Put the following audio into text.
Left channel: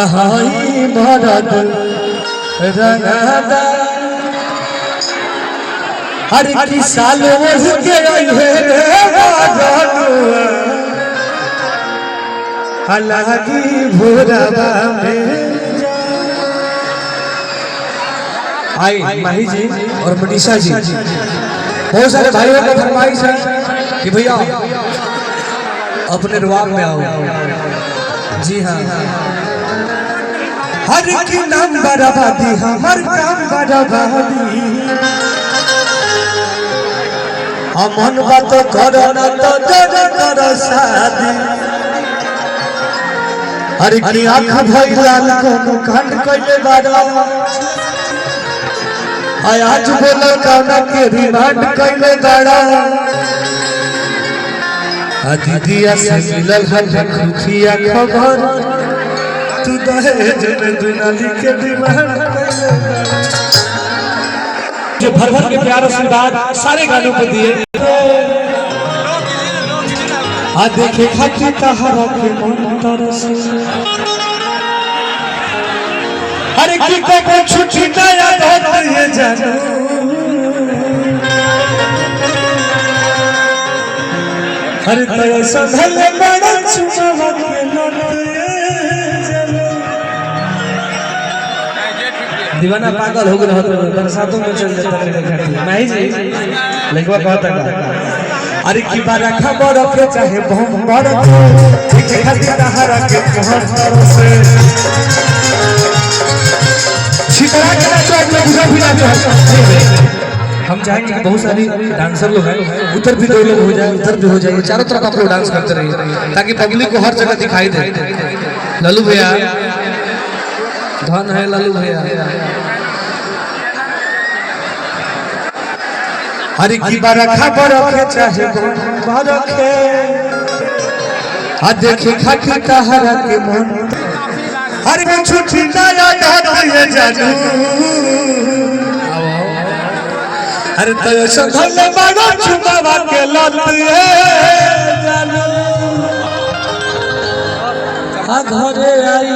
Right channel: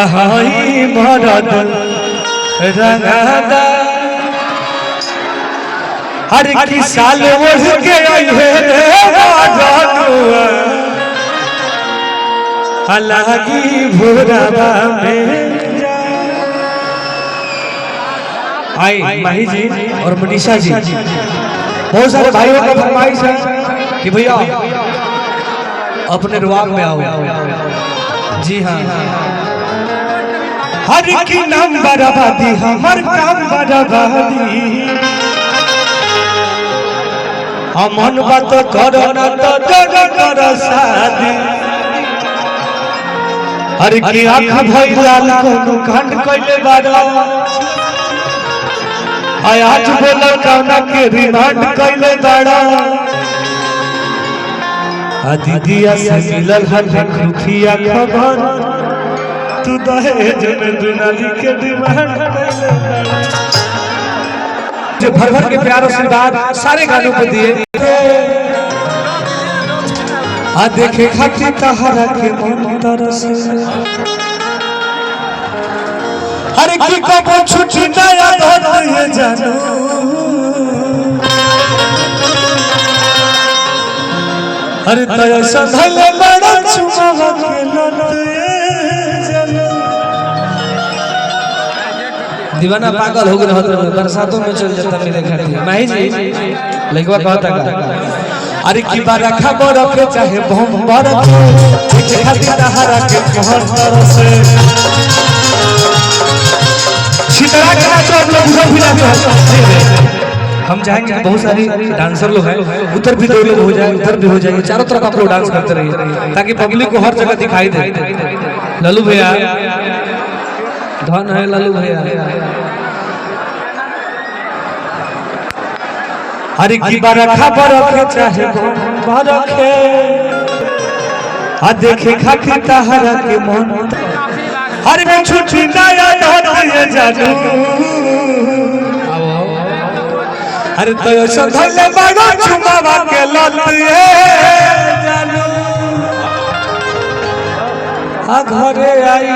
अहाई मरद रंगादा हर की साल ओढ़ के अलगी भोरवा में आई माही जी और मनीषा जी बहुत सारे भाइयों का फरमाइश है कि भैया अपने रुआब में आओ। जी हाँ, हर की नाम बराबादी हर काम बराबादी अमन बात करो न तो जग करो शादी हर की आँख भई लाल को कांड कइले बारा आज बोला काना के रिमांड कइले दाड़ा दीदिया से मिलल है खुफिया खबर तू दहेज में दुलारी के डिमांड जो भर भर के प्यार आशीर्वाद सारे गानों पे दिए आ देखे खाती तहरा के मन तरस अरे की को छुट्टी ना याद होती है जानो अरे तया संभले बड़ा चुमावा के लते दीवाना पागल हो गया तो बरसातों में चल जाता मेरे घर माही जी लगवा कहता का अरे की बारा खबर के चाहे बम बर के खाती तहरा के कहर तरस छितरा के मतलब लोग उधर भी जाते हम चाहेंगे बहुत सारी डांसर लोग हैं उधर भी दो लोग हो जाए उधर भी हो जाएंगे चारों तरफ आप लोग डांस करते रहिए ताकि पब्लिक को हर जगह दिखाई दे। लालू भैया धन है लालू भैया हर की बार खबर रखे चाहे बार रखे आ देखे खाती तहरा के मन हर में छुट्टी ना याद होती है जानू अरे तो संभल बड़ा चुमावा के लतिए जानू आ घरे आई